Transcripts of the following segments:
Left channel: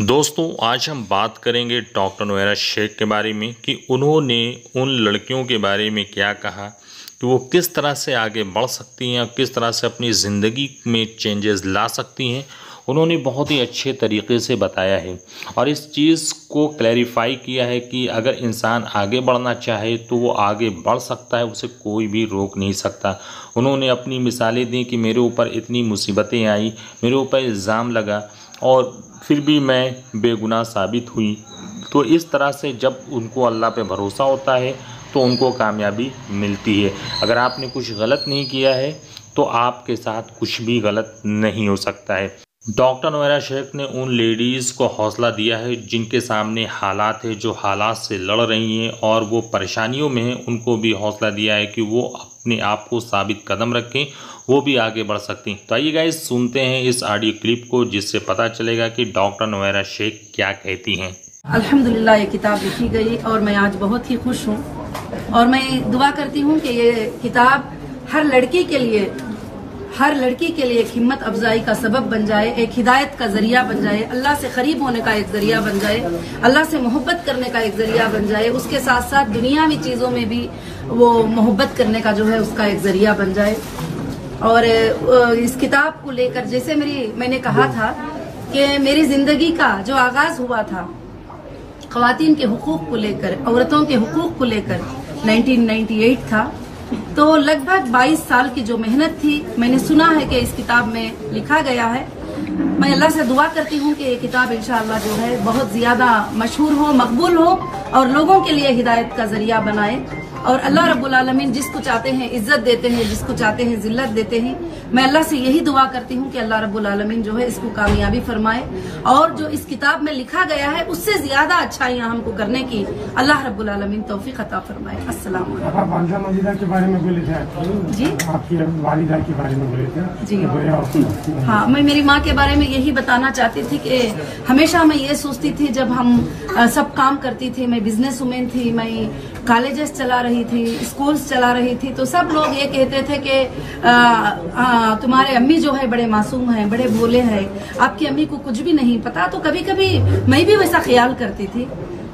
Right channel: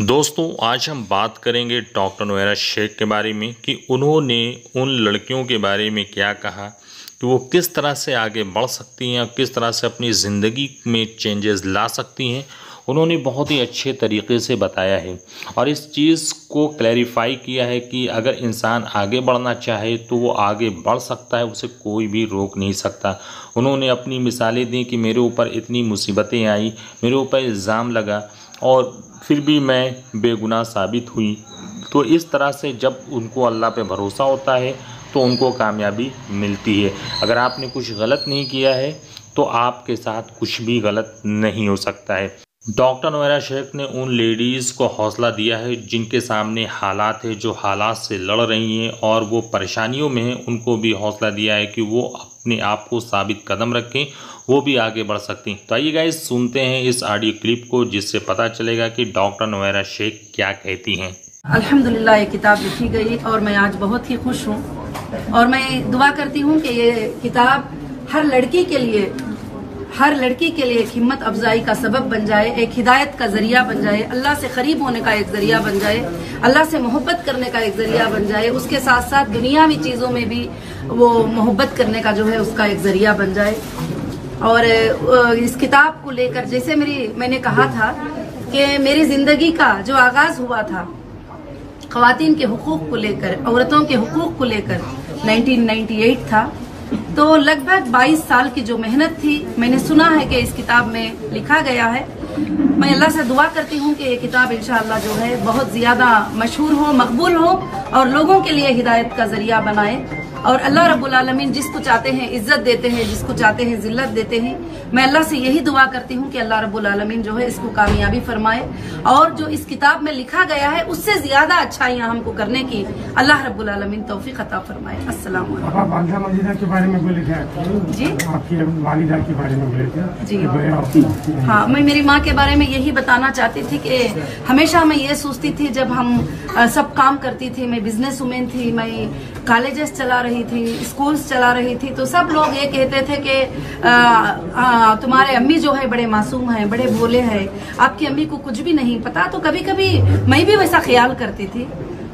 दोस्तों आज हम बात करेंगे डॉक्टर नोएरा शेख के बारे में कि उन्होंने उन लड़कियों के बारे में क्या कहा कि वो किस तरह से आगे बढ़ सकती हैं और किस तरह से अपनी ज़िंदगी में चेंजेस ला सकती हैं। उन्होंने बहुत ही अच्छे तरीके से बताया है और इस चीज़ को क्लैरिफाई किया है कि अगर इंसान आगे बढ़ना चाहे तो वो आगे बढ़ सकता है, उसे कोई भी रोक नहीं सकता। उन्होंने अपनी मिसालें दी कि मेरे ऊपर इतनी मुसीबतें आई, मेरे ऊपर इल्ज़ाम लगा और फिर भी मैं बेगुनाह साबित हुई। तो इस तरह से जब उनको अल्लाह पे भरोसा होता है तो उनको कामयाबी मिलती है। अगर आपने कुछ गलत नहीं किया है तो आपके साथ कुछ भी गलत नहीं हो सकता है। डॉक्टर नोएरा शेख ने उन लेडीज़ को हौसला दिया है जिनके सामने हालात है, जो हालात से लड़ रही हैं और वो परेशानियों में हैं, उनको भी हौसला दिया है कि वो अपने आप को साबित कदम रखें, वो भी आगे बढ़ सकती। तो आइए गाइस सुनते हैं इस ऑडियो क्लिप को जिससे पता चलेगा कि डॉक्टर नोएरा शेख क्या कहती हैं। अल्हम्दुलिल्लाह ये किताब लिखी गई और मैं आज बहुत ही खुश हूँ और मैं दुआ करती हूँ कि ये किताब हर लड़की के लिए एक हिम्मत अफजाई का सबब बन जाए, एक हिदायत का जरिया बन जाए, अल्लाह से करीब होने का एक जरिया बन जाए, अल्लाह से मोहब्बत करने का एक जरिया बन जाए, उसके साथ साथ दुनियावी चीजों में भी वो मोहब्बत करने का जो है उसका एक जरिया बन जाए। और इस किताब को लेकर जैसे मैंने कहा था कि मेरी जिंदगी का जो आगाज हुआ था ख्वातीन के हुकूक को लेकर, औरतों के हुकूक को लेकर 1998 था। तो लगभग 22 साल की जो मेहनत थी, मैंने सुना है कि इस किताब में लिखा गया है। मैं अल्लाह से दुआ करती हूँ कि ये किताब इंशाअल्लाह जो है बहुत ज्यादा मशहूर हो, मकबूल हो और लोगों के लिए हिदायत का जरिया बनाए। और अल्लाह रब्बुल आलमीन जिसको चाहते हैं इज्जत देते हैं, जिसको चाहते हैं जिल्लत देते हैं। मैं अल्लाह से यही दुआ करती हूँ कि अल्लाह रब्बुल आलमीन जो है इसको कामयाबी फरमाए और जो इस किताब में लिखा गया है उससे ज्यादा अच्छाइयाँ हमको करने की अल्लाह रब्बुल आलमीन तौफीक अता फरमाए। अस्सलाम वालेकुम। के बारे में बोले थे जी, आपकी वालिदा के बारे में बोले थे जी। हाँ, मैं मेरी माँ के बारे में यही बताना चाहती थी कि हमेशा मैं ये सोचती थी जब हम सब काम करती थी, मैं बिजनेस वुमेन थी, मैं कॉलेजेस चला रही थी, स्कूल्स चला रही थी, तो सब लोग ये कहते थे कि तुम्हारे अम्मी जो है बड़े मासूम हैं, बड़े भोले हैं, आपकी अम्मी को कुछ भी नहीं पता। तो कभी कभी मैं भी वैसा ख्याल करती थी।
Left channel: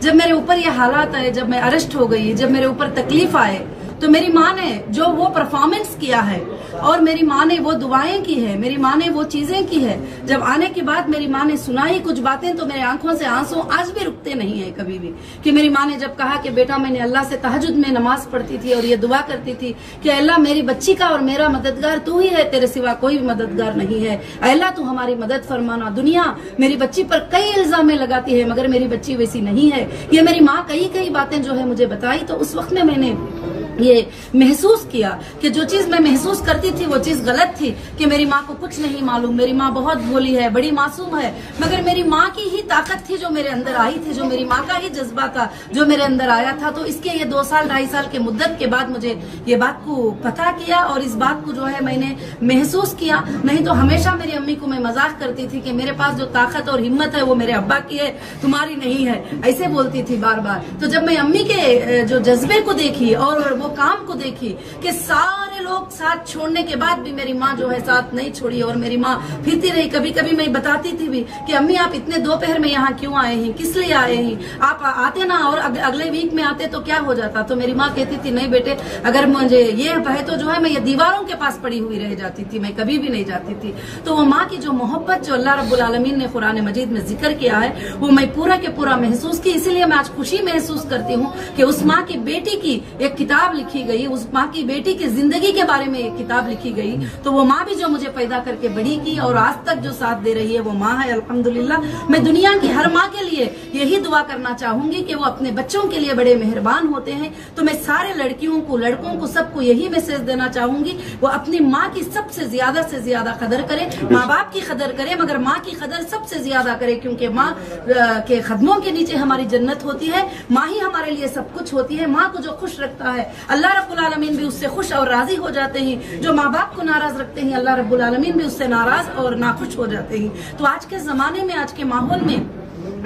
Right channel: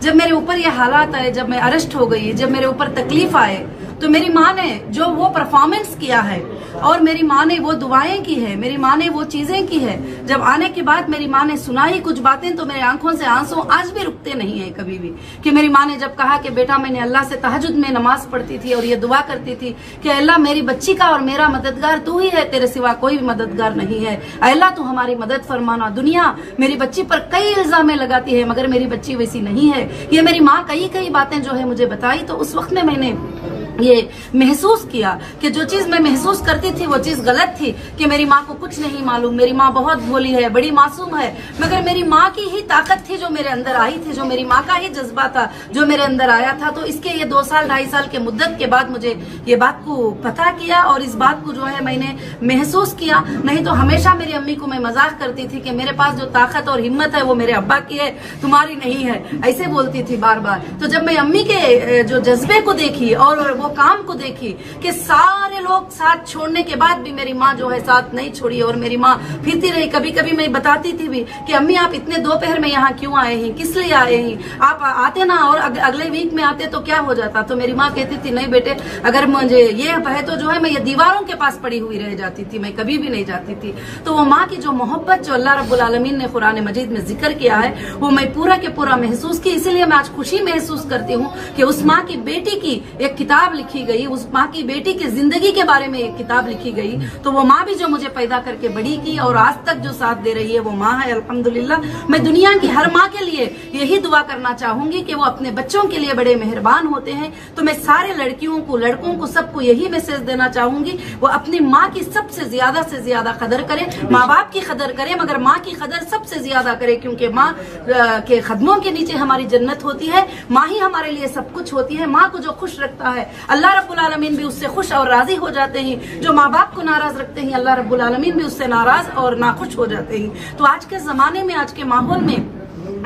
जब मेरे ऊपर ये हालात आए, जब मैं अरेस्ट हो गई, जब मेरे ऊपर तकलीफ आए, तो मेरी माँ ने जो वो परफॉर्मेंस किया है और मेरी माँ ने वो दुआएं की है, मेरी माँ ने वो चीजें की है, जब आने के बाद मेरी माँ ने सुनाई कुछ बातें तो मेरी आंखों से आंसू आज भी रुकते नहीं है कभी भी। कि मेरी माँ ने जब कहा कि बेटा मैंने अल्लाह से तहज्जुद में नमाज पढ़ती थी और ये दुआ करती थी कि अल्लाह मेरी बच्ची का और मेरा मददगार तू ही है, तेरे सिवा कोई भी मददगार नहीं है, अल्लाह तू हमारी मदद फरमाना। दुनिया मेरी बच्ची पर कई इल्जाम लगाती है मगर मेरी बच्ची वैसी नहीं है। ये मेरी माँ कई बातें जो है मुझे बताई। तो उस वक्त में मैंने ये महसूस किया कि जो चीज मैं महसूस करती थी वो चीज गलत थी, कि मेरी माँ को कुछ नहीं मालूम, मेरी माँ बहुत भोली है, बड़ी मासूम है। मगर मेरी माँ की ही ताकत थी जो मेरे अंदर आई थी, जो मेरी माँ का ही जज्बा था जो मेरे अंदर आया था। तो इसके ये 2 साल 2.5 साल के मुद्दत के बाद मुझे ये बात को पता किया और इस बात को जो है मैंने महसूस किया। नहीं तो हमेशा मेरी अम्मी को मैं मजाक करती थी कि मेरे पास जो ताकत और हिम्मत है वो मेरे अब्बा की है, तुम्हारी नहीं है, ऐसे बोलती थी बार बार। तो जब मैं अम्मी के जो जज्बे को देखी और वो काम को देखी कि सारे लोग साथ छोड़ने के बाद भी मेरी माँ जो है साथ नहीं छोड़ी और मेरी माँ फिरती रही। कभी कभी मैं बताती थी भी कि अम्मी आप इतने दोपहर में यहाँ क्यों आए हैं, किस लिए आए हैं, आप आते ना और अगले वीक में आते तो क्या हो जाता। तो मेरी माँ कहती थी नहीं बेटे, अगर मुझे ये है तो जो है मैं ये दीवारों के पास पड़ी हुई रह जाती थी, मैं कभी भी नहीं जाती थी। तो वो माँ की जो मोहब्बत जो अल्लाह रब्बुल आलमीन ने कुरान मजीद में जिक्र किया है वो मैं पूरा के पूरा महसूस की। इसीलिए मैं आज खुशी महसूस करती हूँ कि उस माँ की बेटी की एक किताब लिखी गई, उस माँ की बेटी की जिंदगी के बारे में एक किताब लिखी गई। तो वो माँ भी जो मुझे पैदा करके बड़ी की और आज तक जो साथ दे रही है वो माँ है। अल्हम्दुलिल्लाह मैं दुनिया की हर माँ के लिए यही दुआ करना चाहूंगी कि वो अपने बच्चों के लिए बड़े मेहरबान होते हैं। तो मैं सारे लड़कियों को, लड़कों को, सबको यही मैसेज देना चाहूंगी वो अपनी माँ की सबसे ज्यादा कदर करें, माँ बाप की कदर करें मगर माँ की कदर सबसे ज्यादा करें, क्योंकि माँ के कदमों के नीचे हमारी जन्नत होती है। माँ ही हमारे लिए सब कुछ होती है। माँ को जो खुश रखता है अल्लाह रब्बुल आलमीन भी उससे खुश और राजी हो जाते हैं। जो माँ बाप को नाराज रखते हैं अल्लाह रब्बुल आलमीन भी उससे नाराज और नाखुश हो जाते हैं। तो आज के जमाने में, आज के माहौल में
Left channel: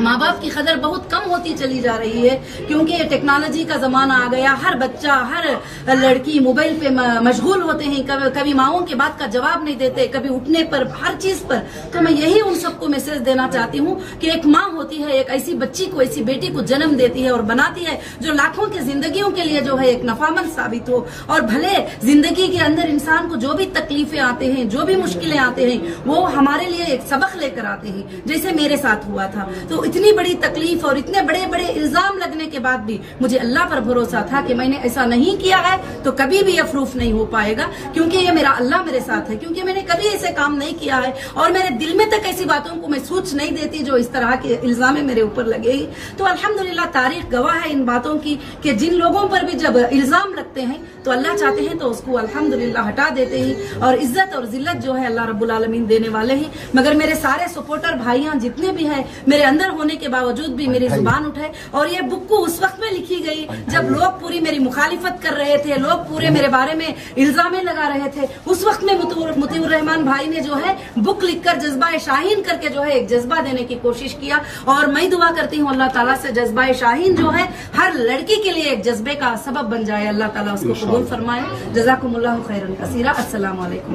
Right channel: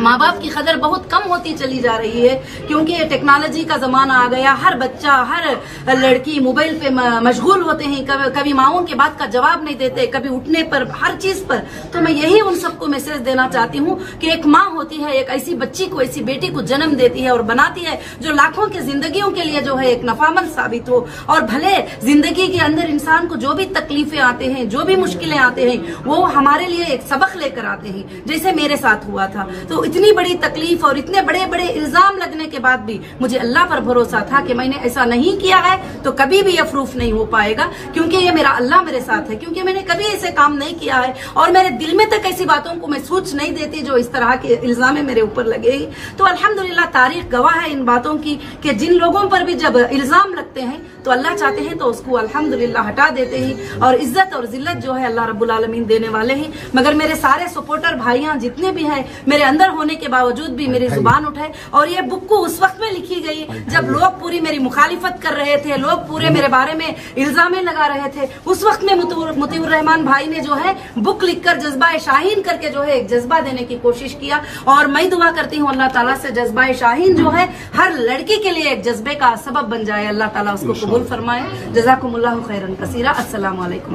माँ बाप की कदर बहुत कम होती चली जा रही है, क्योंकि टेक्नोलॉजी का जमाना आ गया। हर बच्चा, हर लड़की मोबाइल पे मशगूल होते हैं, कभी माओं के बात का जवाब नहीं देते, कभी उठने पर, हर चीज पर। तो मैं यही उन सबको मैसेज देना चाहती हूँ कि एक माँ होती है, एक ऐसी बच्ची को, ऐसी बेटी को जन्म देती है और बनाती है जो लाखों की जिंदगियों के लिए जो है एक नफामंद साबित हो। और भले जिंदगी के अंदर इंसान को जो भी तकलीफें आते हैं, जो भी मुश्किलें आते हैं, वो हमारे लिए एक सबक लेकर आते हैं, जैसे मेरे साथ हुआ था। तो इतनी बड़ी तकलीफ और इतने बड़े बड़े इल्जाम लगने के बाद भी मुझे अल्लाह पर भरोसा था कि मैंने ऐसा नहीं किया है तो कभी भी ये प्रूफ नहीं हो पाएगा, क्योंकि ये मेरा अल्लाह मेरे साथ है, क्योंकि मैंने कभी ऐसे काम नहीं किया है और मेरे दिल में तक ऐसी बातों को मैं सोच नहीं देती जो इस तरह के इल्जाम मेरे ऊपर लगे ही। तो अल्हम्दुलिल्लाह तारीख गवाह है इन बातों की कि जिन लोगों पर भी जब इल्जाम लगते हैं तो अल्लाह चाहते हैं तो उसको अल्हम्दुलिल्लाह हटा देते हैं, और इज्जत और जिल्लत जो है अल्लाह रब्बुल आलमीन देने वाले हैं। मगर मेरे सारे सपोर्टर भाइयां जितने भी हैं, मेरे अंदर होने के बावजूद भी मेरी जुबान उठाए। और ये बुक को उस वक्त में लिखी गई जब लोग पूरी मेरी मुखालिफत कर रहे थे, लोग पूरे मेरे बारे में इल्जामें लगा रहे थे। उस वक्त में मुतीउर रहमान भाई ने जो है बुक लिखकर जज्बा शाहीन करके जो है एक जज्बा देने की कोशिश किया। और मैं दुआ करती हूँ अल्लाह ताला से जज्बा शाहीन जो है हर लड़की के लिए एक जज्बे का सबब बन जाए। अल्लाह ताला उसको कबूल फरमाए। जज़ाकुमुल्लाहु खैरन कसीरा। अस्सलामु अलैकुम।